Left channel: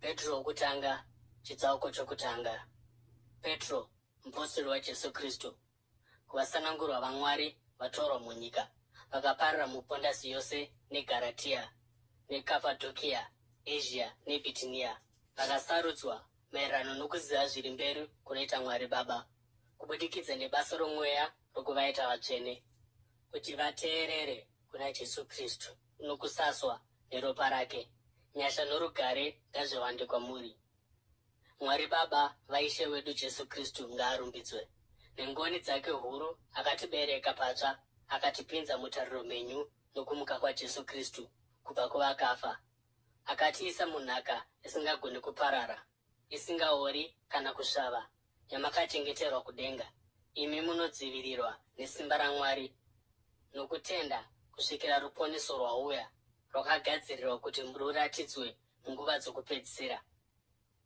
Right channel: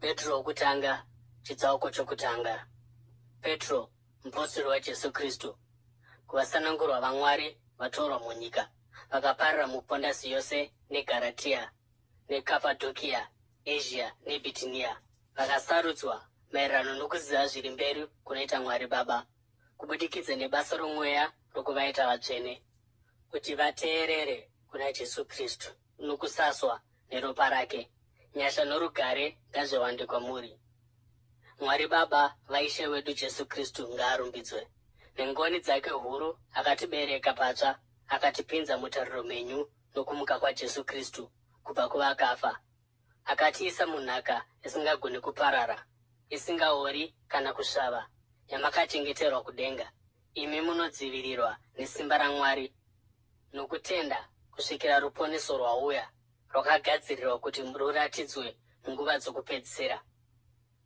Petro wokutanga, chitsauko chokutanga. Petro, mupostori waJesu Kristu, kuvasanangurwa vaMwari vatorwa munyika, vakaparira muPondasi yose neGaratia, neKapadokia, Asia neBhitinia, vakasarudzwa maererano nokuziva zviri mberi kunoita Mwari Baba, kubudikidza nebasa romweya rokuvaita vatsvene, kuti vateerere kuna Jesu Kristu nokusaswa neropa rake. Nyasha norugare ngazviwande kwamuri. Mwari Baba vaishe wedu Jesu Kristu ngaarumbidzwe. Nengoni dzake huru akatibereka patsva, akatipinza mutariro menyu nokumuka kwaJesu Kristu kubva kuvakafa. Akatiisa munhaka isingagoni kuparara, isingaori kana kusvava, yamakachengeterwa kudenga. Imi munodzivirirwa nesimba raMwari nokutenda kusvikira ruponeso rwauya, rwakagadzirirwa kuti ruratidzwe munguva dzokupedzisira.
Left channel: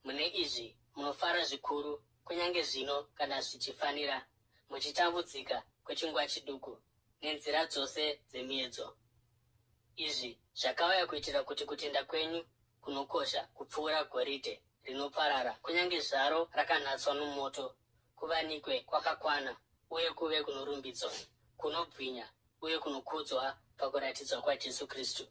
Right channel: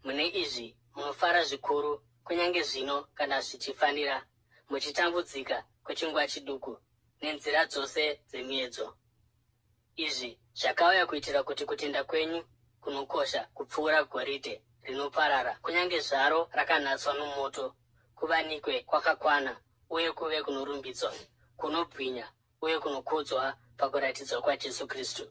Mune izvi munofara zvikuru, kunyange zvino kana zvichifanira, muchitambudzika kwechinguva chiduku nenzira dzose dzemiedzo. Izvi zvakauya kuitira kuti kutenda kwenyu kunokosha kupfuura goridhe rinoparara, kunyange zvaro rakanatswa nomoto, kuvanikwe kwakakwana uye kuve kunorumbidzwa, kunobwinya uye kunokudzwa pakuratidzwa kwaJesu Kristu.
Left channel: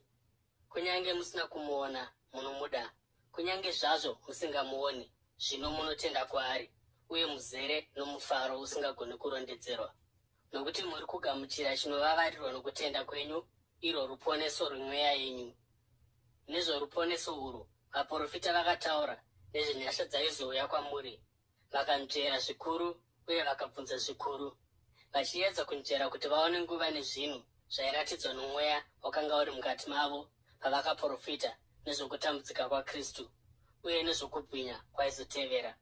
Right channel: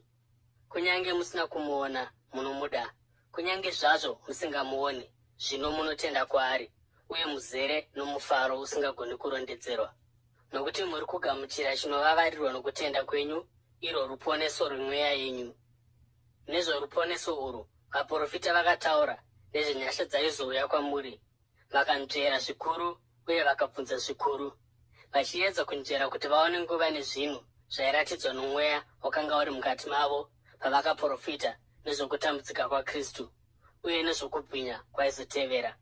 Kunyange musina kumuona, munomuda. Kunyange zvazvo musingamuoni, zvino munotenda kwaari, uye muzere nomufaro usingagoni kurondedzerwa. Nokuti muri kugamuchira chinovavarirwa nokutenda kwenyu, iro ruponeso rwemweya yenyu. Nezvoruponeso urwu, vaprofita vakataura nezvenyasha dzaizouya kwamuri, vakanzvera zvikuru uye vakabvunza zvikuru, vachiedza kunzvera kuti vaone nguva nezvinhu zvairatidzwa nomweya wakanga uri mukati mavo pavakaprofita nezvokutambudzika kwaKristu uye nezvokubwinya kwaizotevera.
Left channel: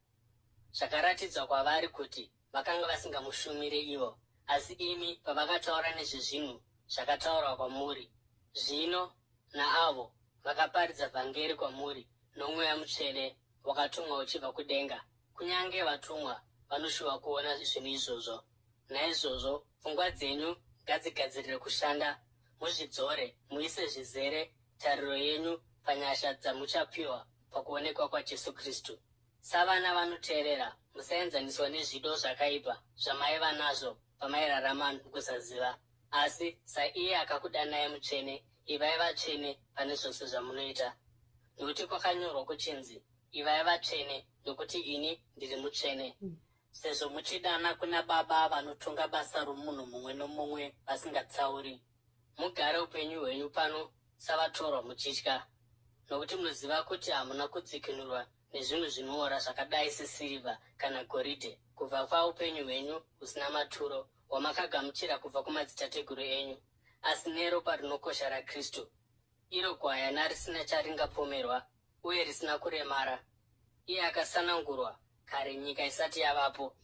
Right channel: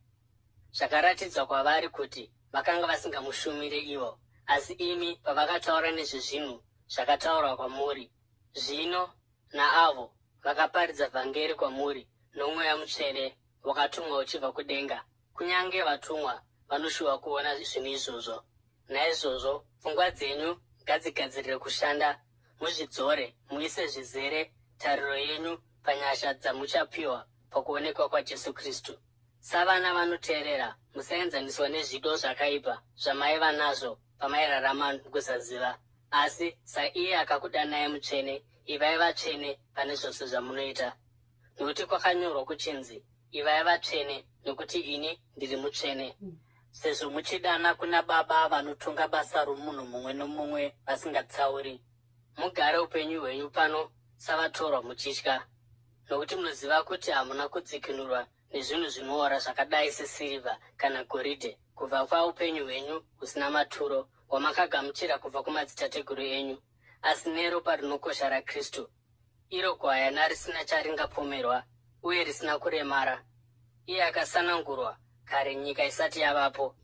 Zvakaratidzwa kwavari kuti vakanga vasingamushumire ivo, asi imi pavakataura nezvezvinhu zvakataurwa kwamuri. Zvino naavo vakaparidza vhangeri kwamuri nomweya mutsvene wakatumwa uchibva kudenga, kunyange vatumwa vanoshuva kuona zvinhu izvozvo. Naizvozvo pfungwa dzenyu ngadzigadzirire kushanda, muzvidzore, muise zvizere tariro yenyu panyasha dzamuchapiwa pakuonekwa kwaJesu Kristu. Savana vanoteerera, musaenzaniswa nezvido zvakaipa zvamaiva nazvo pamairarama nokusaziva, asi saiye akakudanai mutsvene, ivai vatsvene pane zvose zvamunoita. Nokuti kwakanyorwa kuchinzi, ivai vatsvene nokuti ini ndiri mutsvene. Sezvo muchidana kuna Baba vanotonga basa romunhu mumwe nomumwe vasingatsauri, mugare upenyu hwenyu pano savatorwa muchitya, nokuti munoziva kuti hamuna kudzikinurwa nezvinhu zvinoora zvakadai sesirivha kana goridhe kubva paupenyu hwenyu husina maturo hwamakagamuchira kubva kumadzitateguru enyu, asi neropa rinokosha raKristu, iro gwayana risina charingapomerwa uye risina kuremara. Iye akasanangurwa kare nyika isati yavapo,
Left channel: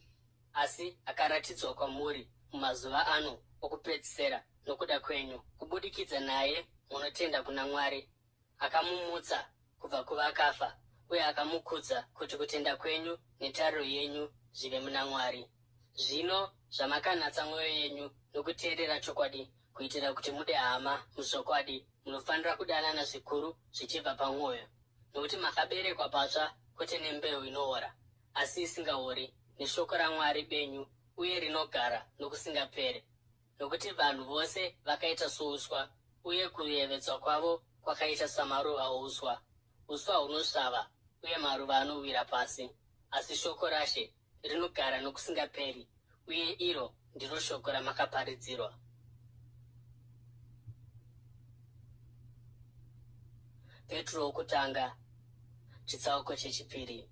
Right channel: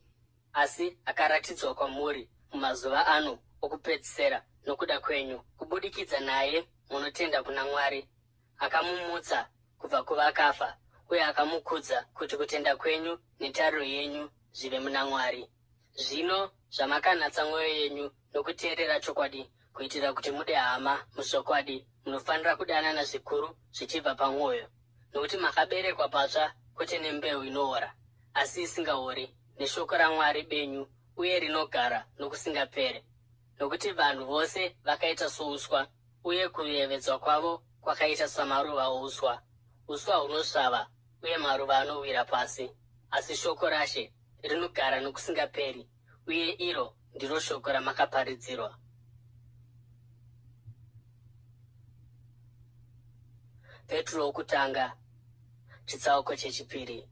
asi akaratidzwa kwamuri mumazuva ano okupedzisira nokuda kwenyu, kubudikidza naye munotenda kuna Mwari. Akamumutsa kubva kuvakafa uye akamukudza kuti kutenda kwenyu netariro yenyu zvive muna Mwari. Zvino zvamakanatsa mwoyo yenyu nokuteerera chokwadi, kuitira kuti mude hama muzvokwadi, munofanira kudanana zvikuru zvichibva pamwoyo, nokuti makaberekwa patsva, kwete nembeu inoora, asi isingaori, neshoko raMwari benyu uye rinogara nokusingapere. Nokuti vanhu vose vakaita souswa, uye kuyevedzwa kwavo kwakaita samaruva ouswa. Uswa hunosvava uye maruva anowira pasi, asi shoko raShe rinogara nokusingaperi, uye iro ndiro shoko ramakaparidzirwa. Petro wokutanga, chitsauko chechipiri.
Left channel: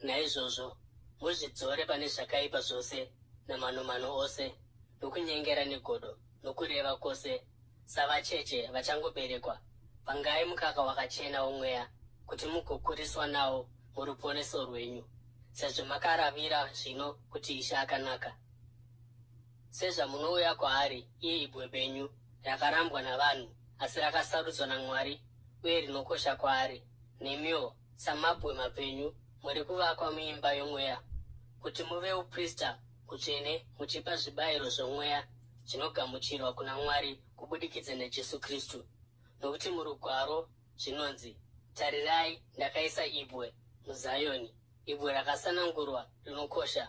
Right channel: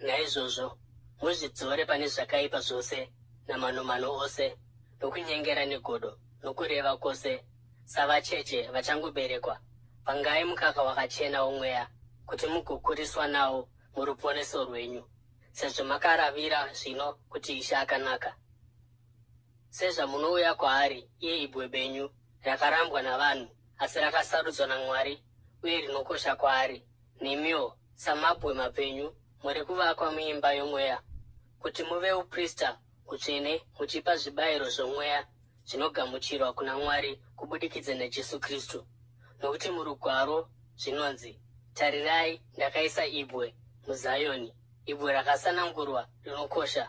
Naizvozvo muzvidzore pane zvakaipa zvose namanomano ose, nokunyengera negodo, nokureva kwose, savacheche vachangoberekwa, pangai mukaka wakachena womweya, kuti mugokuriswa nawo muruponeso rwenyu, sezvo makaravira zvino kuti Ishe akanaka. Sezvamunouya kwaari, iye ibwe benyu, rakarambwa navanhu, asi rakasarudzwa naMwari, uye rinokosha kwaari, nemiwo samabwe mapenyu, muri kuvakwa muimba yomweya, kuti muve uprista utsvene, muchipa zvibayiro zvomweya zvinogamuchirwa kuna Mwari kubudikidza naJesu Kristu. Nokuti murugwaro zvinonzi, Tarirai, ndakaisa ibwe muZayoni, ibwe rakasanangurwa rinokosha,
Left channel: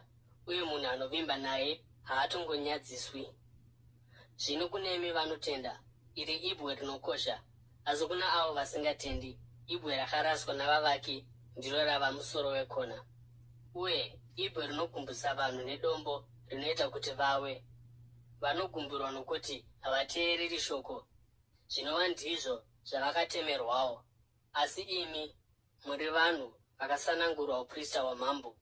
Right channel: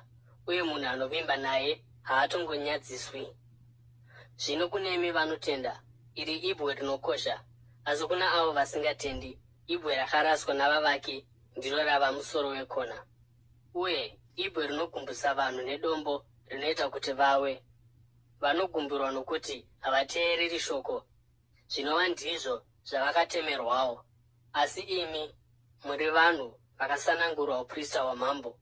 uye munhu anovimba naye haatongonyadziswi. Zvino kunemi vanotenda, iri ibwe rinokosha, asi kuna avo vasingatendi, ibwe rakaraswa navavaki ndiro rava musoro wekona. Uye ibwe rinogumbusa vanhu nedombo rinoita kuti vawe. Vanogumburwa nokuti havateereri shoko, zvinova ndizvo zvavakatemerwawo. Asi imi muri vanhu vakasanangurwa uprista hwamambo,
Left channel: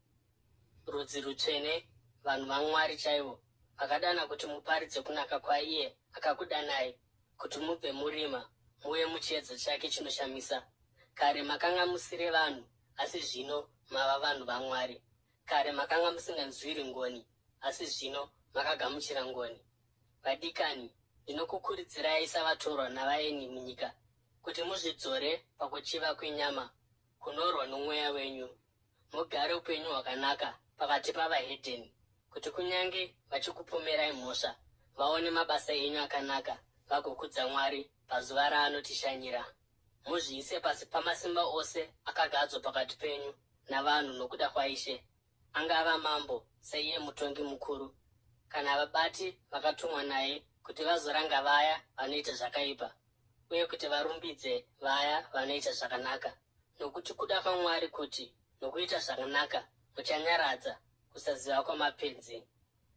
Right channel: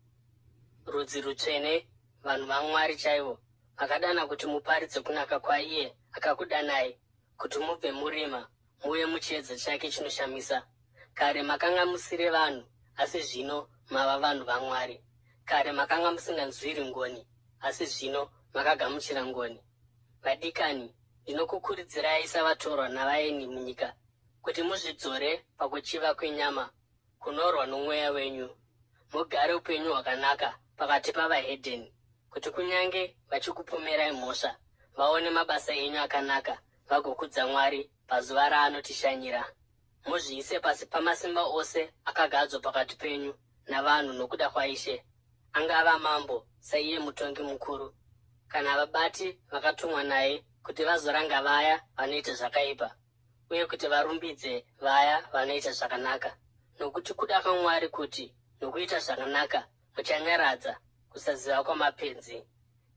rudzi rutsvene, vanhu vaMwari chaivo, vakadana kuti muparidze kunaka kwaiye akakudanai, kuti mubve murima muuye muchiedza chake chinoshamisa. Kare makanga musiri vanhu, asi zvino mava vanhu vaMwari. Kare makanga musinganzwiri ngoni, asi zvino makagamuchira ngoni. Vadikani, ndinokukurudzirai savatorwa navaeni munyika, kuti muzvidzore pakuchiva kwenyama, kunorwa nomweya wenyu. Mugare upenyu hwakanaka pakati pavahedheni, kuti kunyange vachikupomerai mhosva, vaone mabasa enyu akanaka, vagokudza Mwari pazuva raanotishanyira. Muzviise pasi pamasimba ose akagadzwa pakati penyu navanhu nokuda kwaIshe, angava mambo saiye mutongi mukuru, kana vabati vakatumwa naye kuti vazoranga vaya vanoita zvakaipa, uye kuti varumbidze vaya vanoita zvakanaka. Nokuti kuda kwaMwari kuti nokuita zvakanaka muchanyaradza kusaziva kwamapenzi.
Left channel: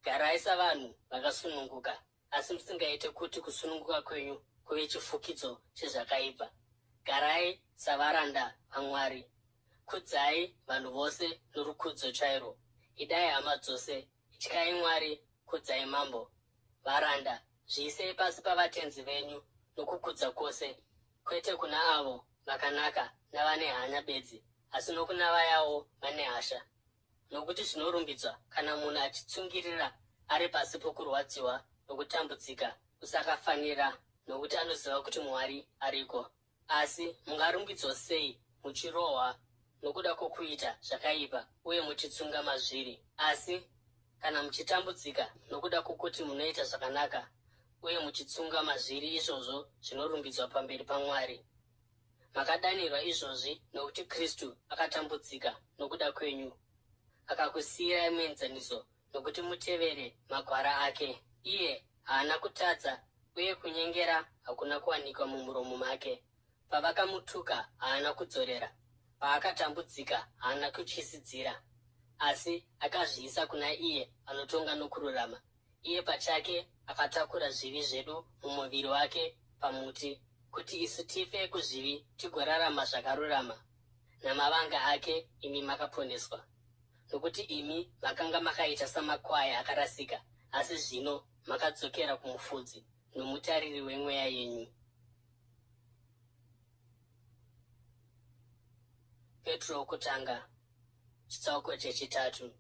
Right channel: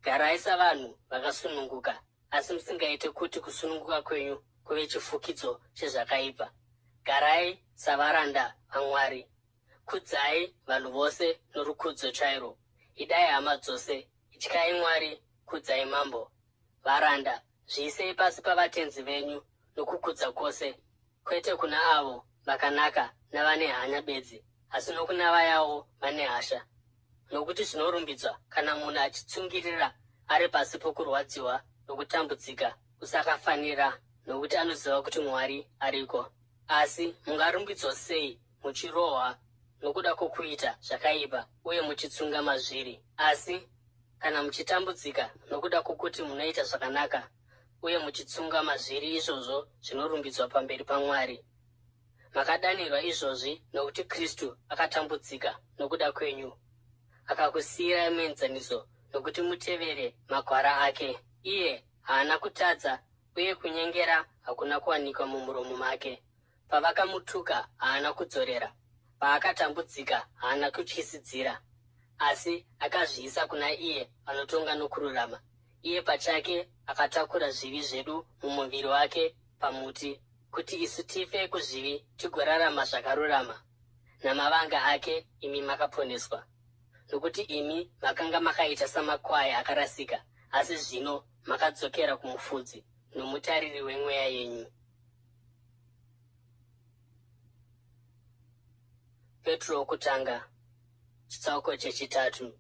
Garai savanhu vakasununguka, asi musingaite kuti kusununguka kwenyu kuve chifukidzo chezvakaipa. Garai savaranda vaMwari. Kudzai vanhu vose norukudzo chairwo. Idai hama dzose, ityai Mwari, kudzai mambo. Varanda, zviisei pasi pavatenzi venyu nokukudza kwose, kwete kuna avo vakanaka navane hanya bedzi, asi nokuna vayawo vane hasha. Nokuti zvinorumbidzwa kana munhu achitsungirira ari pasi pokurwadziwa nokutambudzika kusakafanira, nokuti anoziva kuti Mwari ariko. Asi mungarumbidzwa sei muchirohwa nokuda kwokuita zvakaipa uye muchitsunga mazviri? Asi kana muchitambudzika nokuda kwokuti munoita zvakanaka uye muchitsunga mazviri, izvozvo zvinorumbidzwa pamberi paMwari. Makadanirwa izvozvi nokuti Kristu akatambudzika nokuda kwenyu, akakusiyirai muenzaniso nokuti mutevere magwara ake. Iye haana kutadza, uye kunyengera hakuna kuwanikwa mumuromo make. Pavakamutuka haana kudzorera, paakatambudzika haana kutyisidzira, asi akazviisa kuna iye anotonga nokururama. Iye pachake akatakura zvivi zvedu mumuviri wake pamuti, kuti isu tife kuzvivi tigorarama zvakarurama. Namavanga ake imi makaponeswa. Nokuti imi makanga makaita samakwai akarasika, asi zvino makadzokera kumufudzi nomutariri wemweya yenyu. Petro wokutanga, chitsauko chechitatu.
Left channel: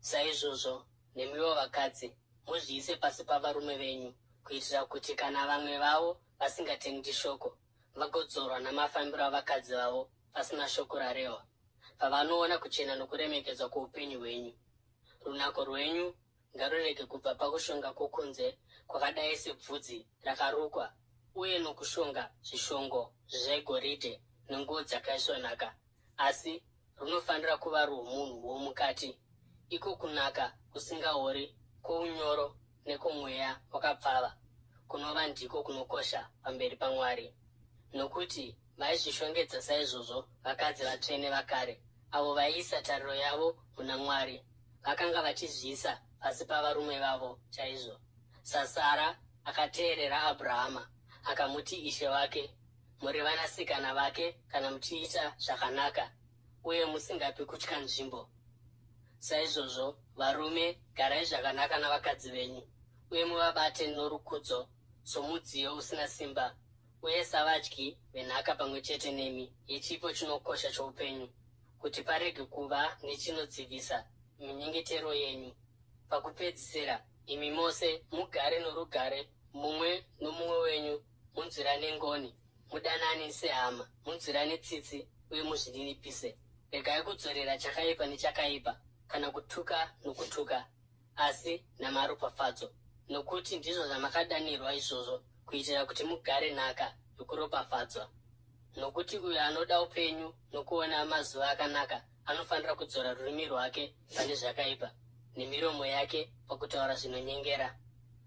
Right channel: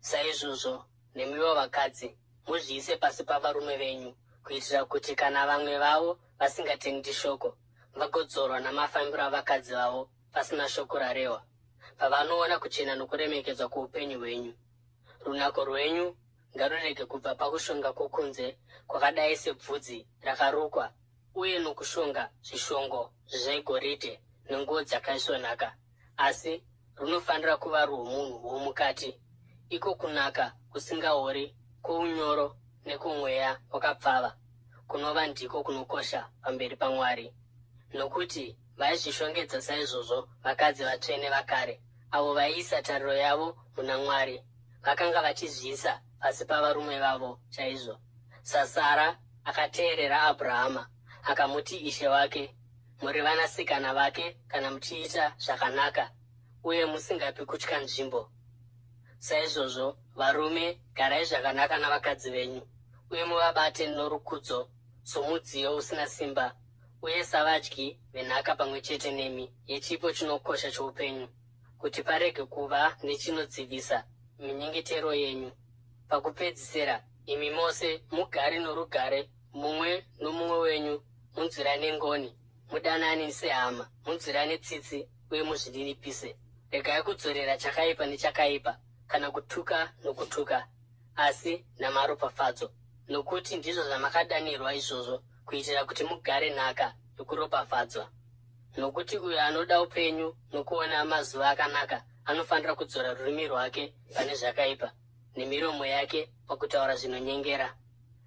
Saizvozvo, nemiwo vakadzi, muzviise pasi pavarume venyu, kuitira kuti kana vamwe vavo vasingatendi shoko, vagodzorwa namafambiro avakadzi vavo pasina shoko rarehwa, pavanoona kuchena nokuremekedzwa kwoupenyu hwenyu. Runako rwenyu ngarurege kubva pakushonga kwokunze kwakadai sebvudzi rakarukwa, uye nokushonga zvishongo zvegoridhe nenguo dzakaisvonaka, asi runofanira kuva rwomunhu womukati, iko kunaka kusingaori, kuunyoro nekumweya wakapfava, kunova ndiko kunokosha pamberi paMwari. Nokuti vaizvishongedza saizvozvo vakadzi vatsvene vakare, avo vaiisa tariro yavo muna Mwari, vakanga vachizviisa pasi pavarume vavo chaizvo. Sasara akateerera Abhurahama, akamuti ishe wake. Muri vanasikana vake kana muchiita zvakanaka, uye musingapi kutya nzvimbo. Saizvozvo, varume, garai zvakanaka navakadzi venyu, uye muvabate norukudzo, somudziyo usina simba, uye savadyi venhaka pamwe chete nemi, yechipo chinokosha choupenyu, kuti parege kuva nechinodzivisa minyengetero yenyu. Pakupedzisira, imi mose mugare norugare, mumwe nomumwe wenyu, munzwirane ngoni, mudanani sehama, munzwirane tsitsi, uye muzvininipise. Regai kudzorera chakaipa nechakaipa, kana kutuka nokutuka, asi namaropafadzo, nokuti ndizvo zvamakadanirwa izvozvo, kuitira kuti mugare nhaka yokuropafadzwa. nokuti uyo anoda upenyu nokuona mazuva akanaka anofanira kudzora rurimi rwake pane zvakaipa nemiromo yake pakutaura zvinonyengera.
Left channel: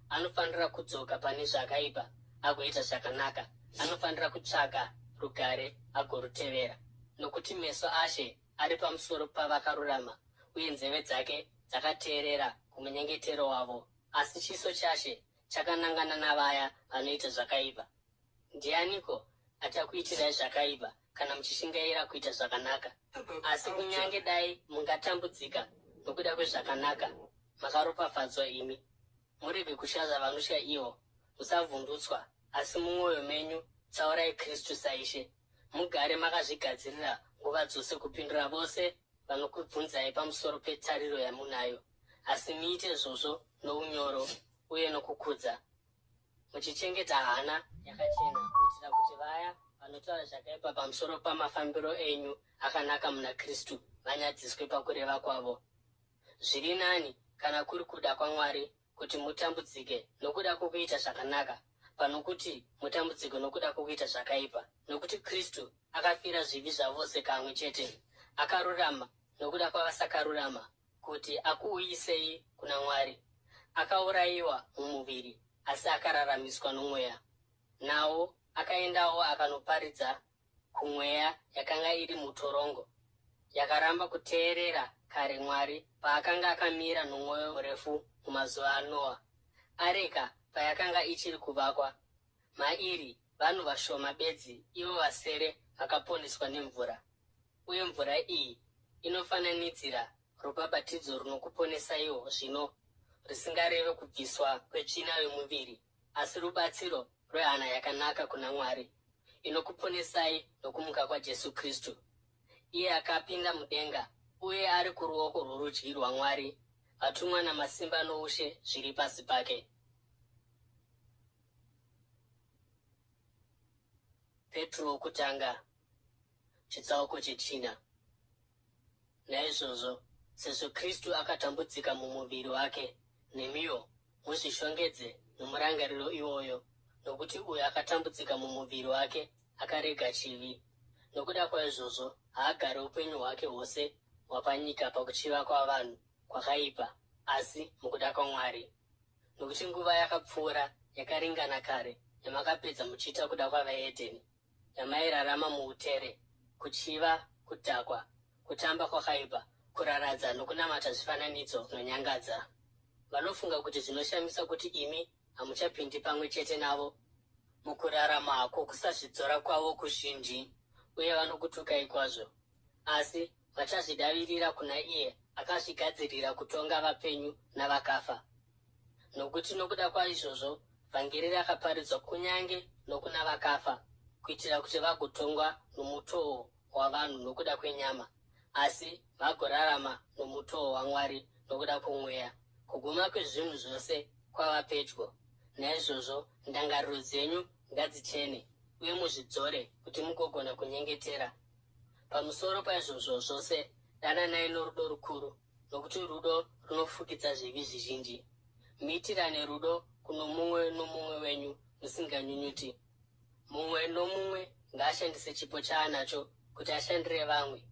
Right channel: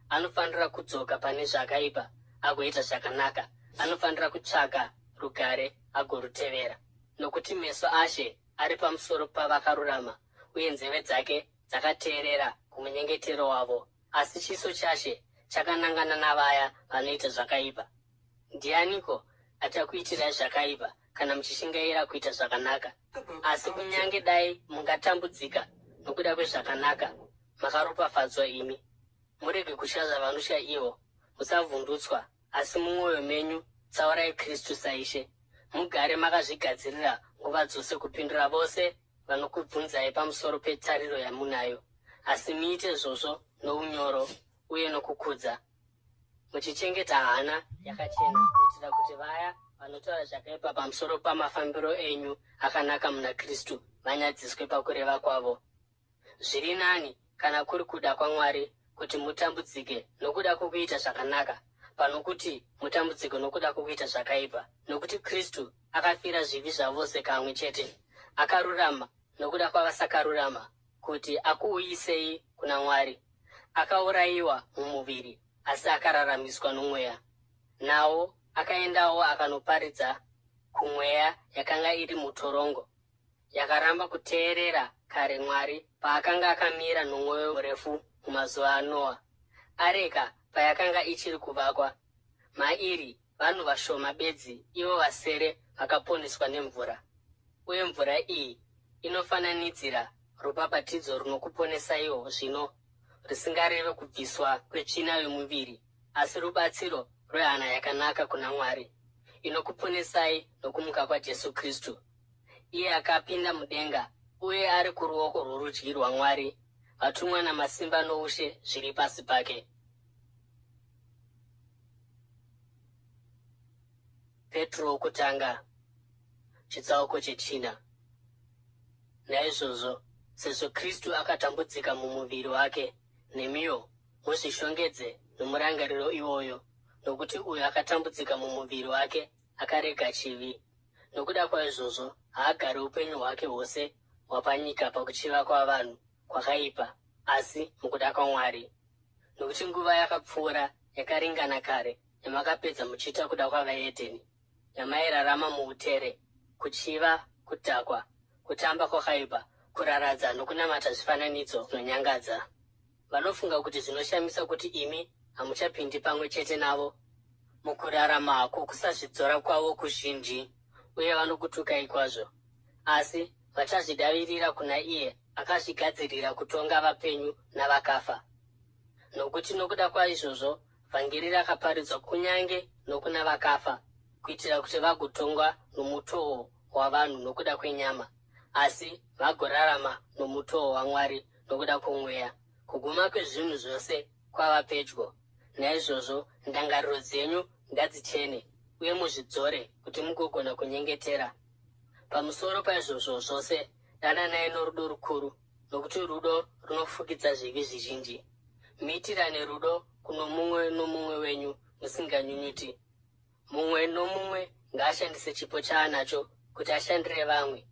Anofanira kudzoka pane zvakaipa agoita zvakanaka. Anofanira kutsvaga rugare agorutevera. Nokuti meso aShe ari pamusoro pavakarurama, uye nzeve dzake dzakateerera kumunyengetero wavo. Asi chiso chaShe chakanangana navaya vanoita zvakaipa. Ndianiko achakuitirai zvakaipa kana muchishingaira kuita zvakanaka? Asi kunyange dai mungatambudzika nokuda kwezvakanaka, makaropafadzwa imi. Murege kushaza vanotya ivo, musavhundutswa, asi mumwoyo menyu tsaurai Kristu saIshe. Mugare makazvigadzirira nguva dzose kupindura vose vanokubvunzai pamusoro petariro yamunayo, asi muite izvozvo nounyoro uye nokukudza, muchichengeta hana yakachena, kuitira kuti vaya vanotaura zvakaipa pamusoro pamafambiro enyu akanaka muna Kristu vanyadziswe pakureva kwavo. Zviri nani kana kuri kuda kwaMwari kuti mutambudzike nokuda kwokuita zvakanaka, pano kuti mutambudzike nokuda kwokuita zvakaipa. Nokuti Kristu akafira zvivi zvavose kamwe chete, akarurama nokuda kwavasakarurama, kuti akuuyisei kuna Mwari. Akaurayiwa mumuviri, asi akararamiswa nomweya. Nawo akaendawo akanoparidza kumweya yakanga iri mutorongo, yakaramba kuteerera kare Mwari paakanga akamira nomwoyo murefu mumazuva aNoa, areka payakanga ichiri kuvakwa. Mairi vanhu vashoma bedzi, ivo vasere vakaponeswa nemvura. Uye mvura iyi inofananidzira rubhabhatidzo runokuponesaiwo zvino, risingareve kubviswa kwetsvina yomuviri, asi rubatsiro rwehana yakanaka kuna Mwari, inokuponesai nokumuka kwaJesu Kristu. Iye akapinda mudenga uye ari kuruoko rworudyi rwaMwari, vatumwa namasimba noushe zviri pasi pake. Petro wokutanga, chitsauko chechina. Naizvozvo, sezvo Kristu akatambudzika mumuviri wake, nemiwo muzvishongedze nomurangariro iwoyo, nokuti uyo akatambudzika mumuviri wake akarega chivi. Nokuda kwaizvozvo haagari upenyu hwake hwose hwapanyika pakuchiva kwavanhu kwakaipa, asi mukuda kwaMwari. Nokuti nguva yakapfuura yakaringana kare yamakapedza muchiita kuda kwavaHedheni, yamairarama muutere, kuchiva, kudhakwa, kutamba kwakaipa, kuraradza nokunamata zvifananidzo zvinonyangadza. Vanofunga kuti zvinoshamisa kuti imi hamuchapindi pamwe chete navo mukurarama kwokusazvidzora kwavo kuzhinji, uye vanokutukai kwazvo. Asi vachazvidavirira kuna iye akazvigadzirira kutonga vapenyu navakafa. Nokuti nokuda kwaizvozvo vhangeri rakaparidzwa kunyange nokuna vakafa, kuitira kuti vagotongwa nomutoo wavanhu nokuda kwenyama, asi vagorarama nomutoo waMwari nokuda kwomweya. Kuguma kwezvinhu zvose kwava pedyo. Naizvozvo ndangariro dzenyu ngadzichene, uye muzvidzore kuti mugogona kunyengetera. Pamusoro paizvozvo zvose, dananai norudo rukuru, nokuti rudo runofukidza zvivi zvizhinji. Muitirane rudo kuno mumwe nomumwe wenyu musinganyunyuti. Mumwe nomumwe ngaashandise chipo chaanacho kuti ashandire vamwe,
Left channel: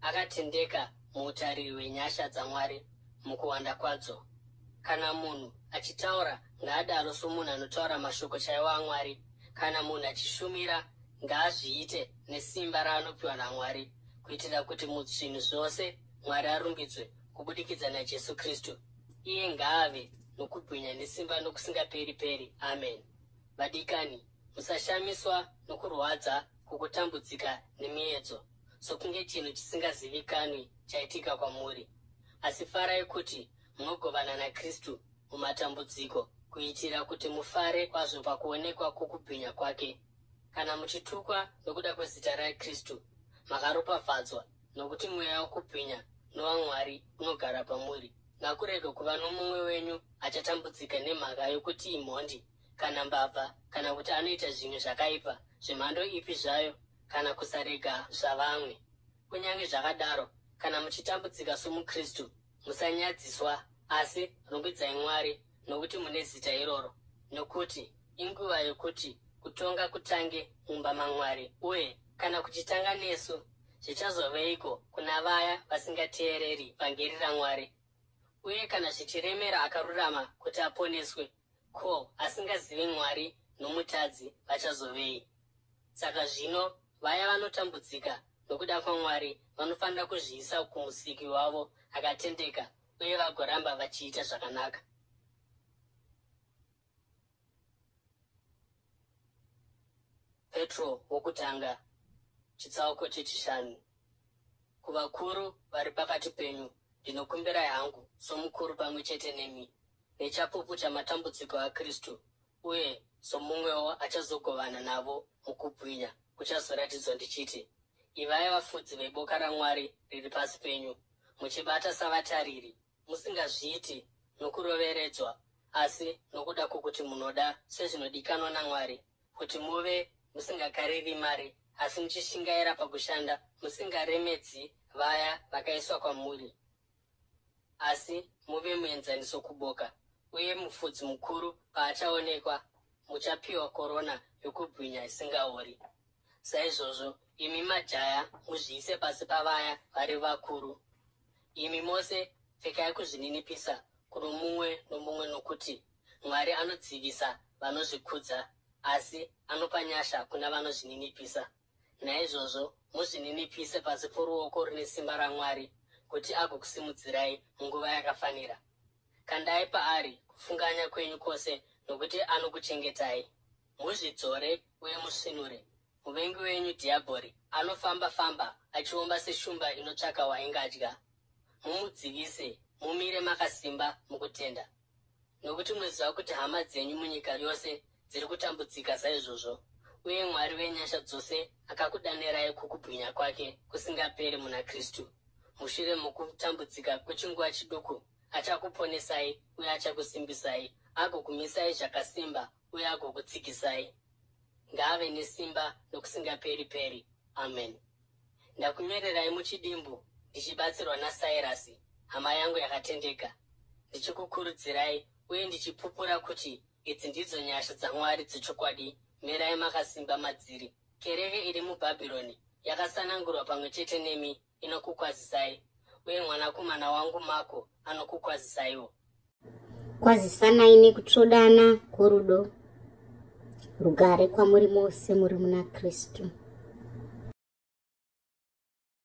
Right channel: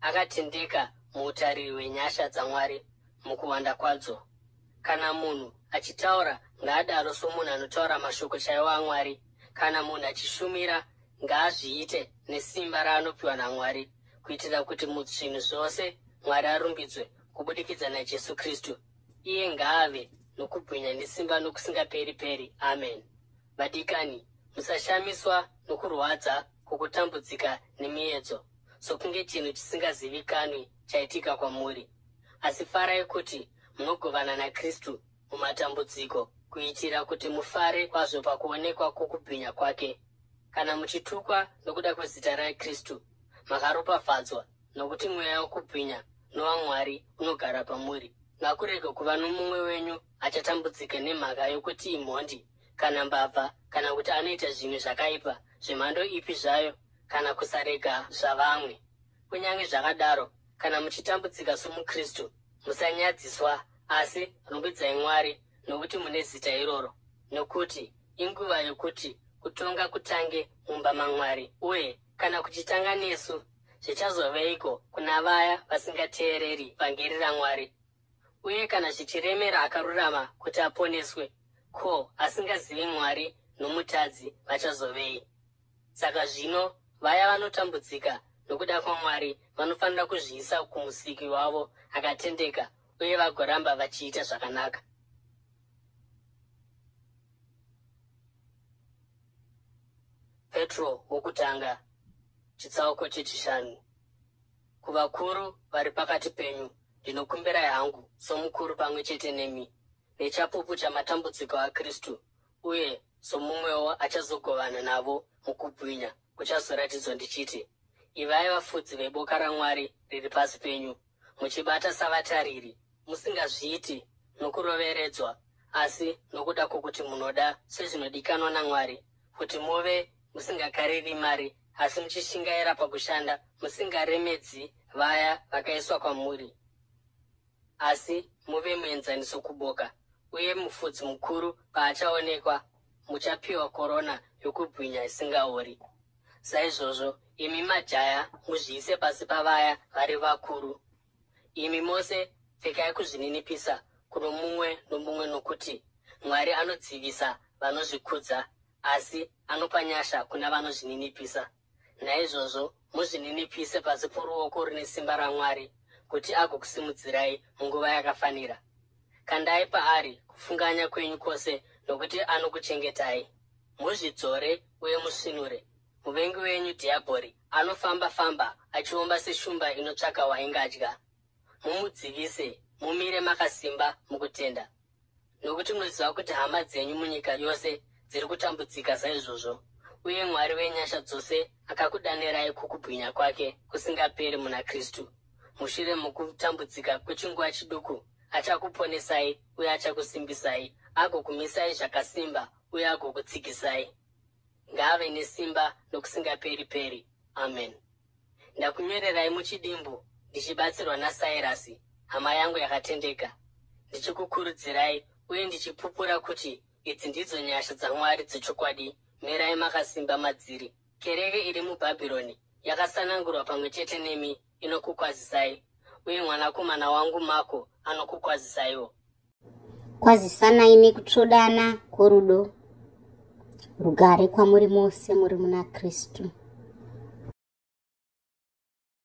akatendeka muutariri hwenyasha dzaMwari mukuwanda kwadzo. Kana munhu achitaura, ngaadaro somunhu anotaura mashoko chaiwo aMwari. Kana munhu achishumira, ngaazviite nesimba raanopiwa naMwari, kuitira kuti muzvinhu zvose Mwari arumbidzwe kubudikidza naJesu Kristu. Iye ngaave nokubwinya nesimba nokusingaperi-peri. Amen. Vadikani, musashamiswa nokurwadza kwokutambudzika nemiedzo, sokunge chinhu chisingazivikanwi chaitika kwamuri. Asi farai kuti munogovana naKristu mumatambudziko, kuitira kuti mufare kwazvo pakuonekwa kwokubwinya kwake. Kana muchitukwa nokuda kwezita raKristu, makaropafadzwa, nokuti mweya wokubwinya nowaMwari unogara pamuri. Ngakurege kuva nomumwe wenyu achatambudzika nemhaka yokuti imhondi, kana mbavha, kana kuti anoita zvimwe zvakaipa zvemhando ipi zvayo, kana kusarega zvavamwe. Kunyange zvakadaro, kana muchitambudzika somuKristu, musanyadziswa, asi rumbidzai Mwari nokuti mune zita iroro. Nokuti inguva yokuti kutonga kutange mumba maMwari, uye kana kuchitanga nesu, zvichazoveiko kuna vaya vasingateereri vhangeri raMwari? Uye kana zvichiremera akarurama kuti aponeswe, ko, asingazivi Mwari nomutadzi vachazovei? Saka zvino vaya vanotambudzika nokuda kwaMwari vanofanira kuzviisa kumusiki wavo akatendeka uye vagoramba vachiita zvakanaka. Petro wokutanga, chitsauko chechishanu. Kuvakuru vari pakati penyu, ndinokumbirai hangu somukuru pamwe chete nemi, nechapupu chamatambudziko aKristu, uye somumwewo achazogovana navo mukubwinya kuchazoratidzwa ndichiti, ivai vafudzi veboka raMwari riri pasi penyu, muchibata savatariri, musingazviiti nokuroveredzwa, asi nokuda kwokuti munoda sezvinodikanwa naMwari, kuti muve musingakariri mari, asi muchishingaira pakushanda, musingaremedzi vaya vakaiswa kwamuri, asi muve muenzaniso kuboka. Uye mufudzi mukuru paachaonekwa, muchapiwa korona yokubwinya isingaori. Saizvozvo, imi majaya muzviise pasi pavaya vari vakuru. Imi mose pfekai kuzvininipisa kuno mumwe nomumwe, nokuti Mwari anodzivisa vanozvikudza, asi anopa nyasha kuna vanozvininipisa. Naizvozvo muzvininipise pasi poruoko rune simba raMwari, kuti agokusimudzirai munguva yakafanira. Kandai paari kufunganya kwenyu kwose, nokuti anokuchengetai. Muzvidzore uye musvinure. Muvengi wenyu dhiabhori anofamba-famba achiomba seshumba inotsvaka waingadya. Mumudzivise, mumire makasimba mukutenda. Nokuti munoziva kuti hama dzenyu munyika yose dziri kutambudzika saizvozvo, uye Mwari wenyasha dzose akakudanirai kukubwinya kwake kusingaperi muna Kristu. Mushure mokutambudzika kwechinguva chiduku, achakuponesai uye achakusimbisai, agokumisai zvakasimba uye agokutsigisai. Ngaave nesimba nokusingaperi-peri. Amen. Ndakunyorerai muchidimbu, ndichibatsirwa naSairasi, hama yangu yakatendeka, ndichikukurudzirai uye ndichipupura kuti idzi ndidzo nyasha dzaMwari dzechokwadi. Mirai makasimba madziri. Kereke iri muBhabhironi yakasanangurwa pamwe chete nemi inokukwazisai, uye mwanakomana wangu Mako anokukwazisaiwo. Kwazisanai nekutsvodana kworudo. Rugare kwamuri mose muri muna Kristu.